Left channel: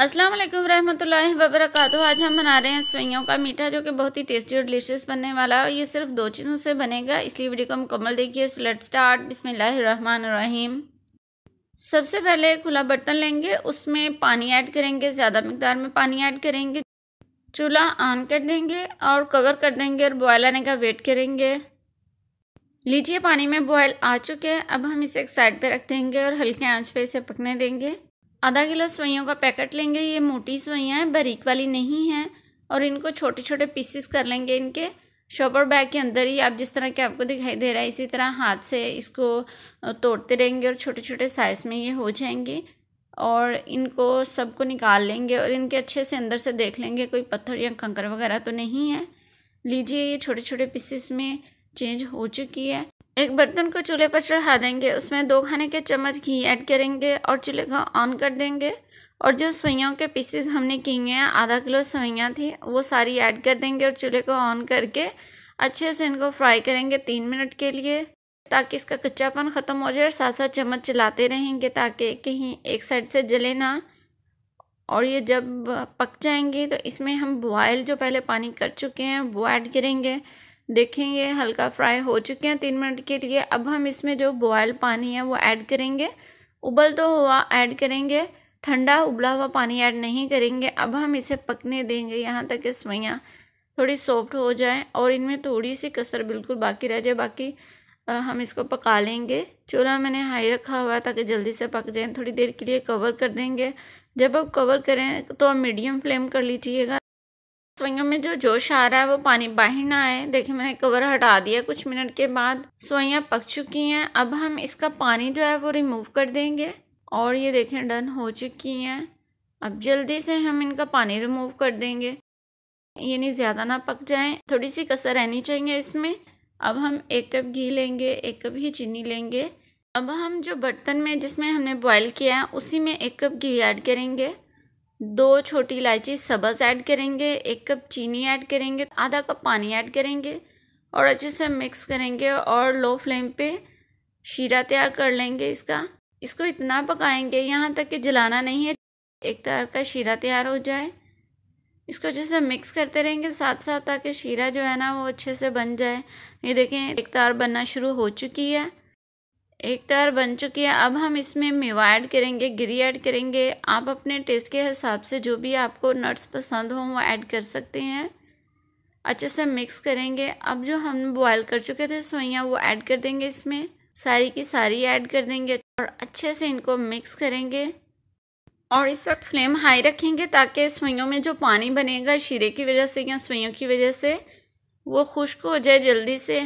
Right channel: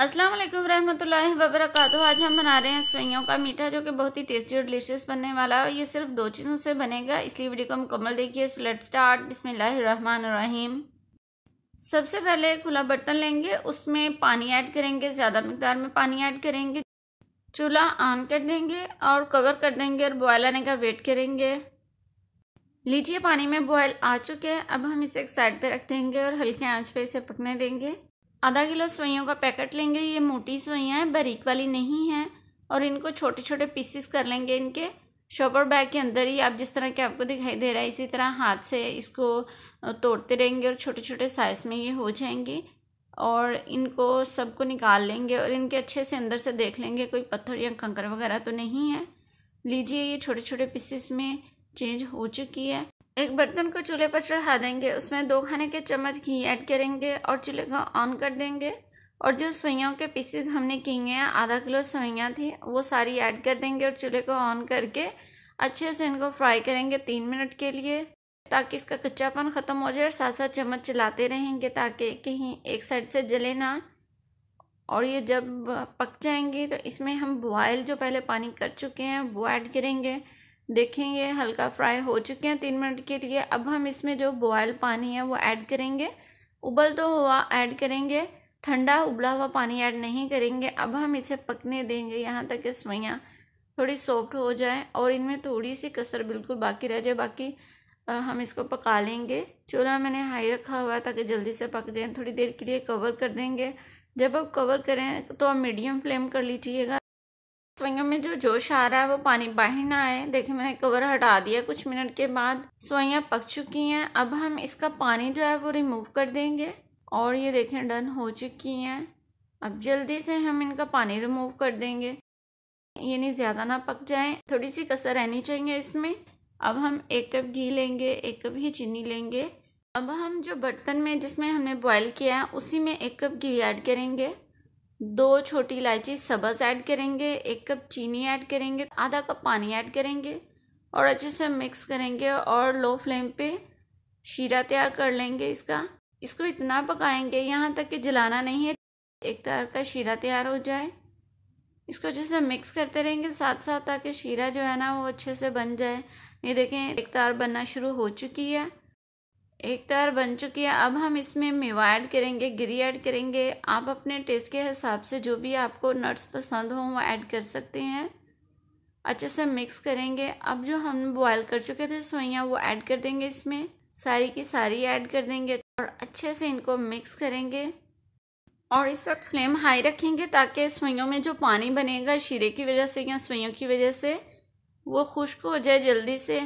अस्सलाम वालेकुम रहमतुल्लाहि व बरकातुहू। आज हम बना रहे हैं सेवइयों का मीठा, जो कि बहुत ही टेस्टी और डिलीशियस बनने वाला है। और ये सिर्फ 2 चीज़ों से बनेगा, इसलिए वीडियो को मुकम्मल देखिए। So let's start. बिस्मिल्लाहिर्रहमानिर्रहीम। सबसे पहले खुला बर्तन लेंगे, उसमें पानी ऐड करेंगे, ज़्यादा मिकदार में पानी ऐड करेंगे। चूल्हा ऑन कर देंगे और कवर कर देंगे और बॉयल आने का वेट करेंगे। लीजिए, पानी में बॉयल आ चुके हैं। अब हम इसे एक साइड पे रख देंगे और हल्के आंच पे इसे पकने देंगे। आधा किलो सेवइयों का पैकेट लेंगे। ये मोटी सेवइयाँ हैं, बारीक वाली नहीं हैं। और इनको छोटे छोटे पीसेस कर लेंगे। इनके शॉपर बैग के अंदर ही, आप जिस तरह के आपको दिखाई दे रहा है, इसी तरह हाथ से इसको तोड़ते रहेंगे और छोटे छोटे साइज़ में ये हो जाएंगे। और इनको सबको निकाल लेंगे और इनके अच्छे से अंदर से देख लेंगे, कोई पत्थर या कंकर वगैरह तो नहीं है। लीजिए, ये छोटे छोटे पीसेस में चेंज हो चुकी है। एक बर्तन को चूल्हे पर चढ़ा देंगे, उसमें 2 खाने के चम्मच घी ऐड करेंगे और चूल्हे को ऑन कर देंगे। और जो सेवइयों के पीसेस हमने किए हैं, आधा किलो सेवइयाँ थी, वो सारी ऐड कर देंगे और चूल्हे को ऑन करके अच्छे से इनको फ्राई करेंगे 3 मिनट के लिए, ताकि इसका कच्चापन ख़त्म हो जाए। साथ साथ चम्मच चलाते रहेंगे ताकि कहीं एक साइड से जले ना। और ये जब पक जाएंगे तो इसमें हम बॉयल जो पहले पानी कर चुके हैं वो ऐड करेंगे। देखेंगे हल्का फ्राई हो चुके हैं 3 मिनट के लिए। अब हम इसमें जो बॉयल पानी है वो ऐड करेंगे। उबल तो हुआ ऐड करेंगे, ठंडा उबला हुआ पानी ऐड नहीं करेंगे। अब हम इसे पकने देंगे यहाँ तक कि सेवइयाँ थोड़ी सॉफ्ट हो जाए और इनमें थोड़ी सी कसर बिल्कुल बाकी रह जाए। बाकी हम इसको पका लेंगे। चूल्हा मैंने हाई रखा हुआ है ताकि जल्दी से पक जाए। थोड़ी देर के लिए कवर कर देंगे। जब आप कवर करें तो आप मीडियम फ्लेम कर लीजिएगा। सेवइयों में जो जोश आ रहा है वो पानी बाहर ना आए। देखिए, मैंने कवर हटा दिया। कुछ मिनट के बाद सेवइयाँ पक चुकी हैं। अब हम इसका पानी जो है वो रिमूव कर देंगे और ये देखें डन हो चुकी हैं। अब जल्दी से हम इनका पानी रिमूव कर देंगे। ये नहीं ज़्यादा ना पक जाएं, थोड़ी सी कसर रहनी चाहिए इसमें। अब हम 1 कप घी लेंगे, 1 कप ही चीनी लेंगे। अब हम जो बर्तन में जिसमें हमने बॉयल किया है उसी में 1 कप घी ऐड करेंगे, 2 छोटी इलायची सब्ज़ ऐड करेंगे, 1 कप चीनी ऐड करेंगे, आधा कप पानी ऐड करेंगे और अच्छे से मिक्स करेंगे। और लो फ्लेम पे शीरा तैयार कर लेंगे इसको इतना पकाएंगे यहाँ तक कि जलाना नहीं है, एक तरह का शीरा तैयार हो जाए। इसको अच्छे से मिक्स करते रहेंगे साथ साथ, ताकि शीरा जो है ना वो अच्छे से बन जाए। ये देखें, एक तार बनना शुरू हो चुकी है, एक तार बन चुकी है। अब हम इसमें मेवा ऐड करेंगे, गिरी ऐड करेंगे। आप अपने टेस्ट के हिसाब से जो भी आपको नट्स पसंद हो वो ऐड कर सकते हैं। अच्छे से मिक्स करेंगे। अब जो हम बॉयल कर चुके थे सेवइयाँ वो ऐड कर देंगे, इसमें सारी की सारी ऐड कर देंगे और अच्छे से इनको मिक्स करेंगे। और इस वक्त फ्लेम हाई रखेंगे ताकि सेवइयों में जो पानी बनेगा शीरे की वजह से या सेवइयों की वजह से वो खुश्क हो जाए जल्दी से।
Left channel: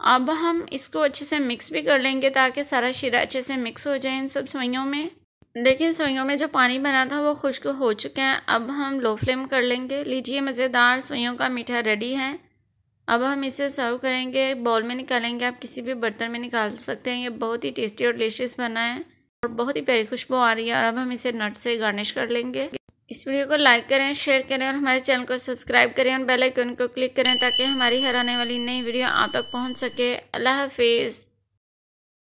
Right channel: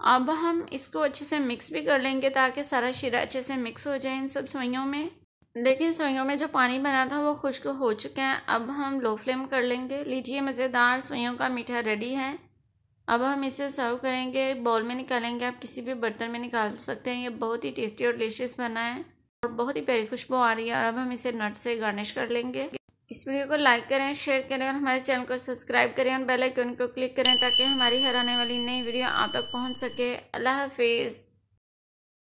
अब हम इसको अच्छे से मिक्स भी कर लेंगे ताकि सारा शीरा अच्छे से मिक्स हो जाए इन सब सेवइयों में। देखिए, सेवइयों में जो पानी बना था वो खुश्क हो चुके हैं। अब हम लो फ्लेम कर लेंगे। लीजिए, मज़ेदार सेवइयों का मीठा रेडी है। अब हम इसे सर्व करेंगे, बाउल में निकालेंगे, आप किसी भी बर्तन में निकाल सकते हैं। ये बहुत ही टेस्टी और डिलीशियस बना है और बहुत ही प्यारी खुशबू आ रही है। और अब हम इसे नट से गार्निश कर लेंगे। इस वीडियो को लाइक करें, शेयर करें और हमारे चैनल को सब्सक्राइब करें और बेल आइकन को क्लिक करें ताकि हमारी हर आने वाली नई वीडियो आप तक पहुंच सके। अल्लाह हाफिज़।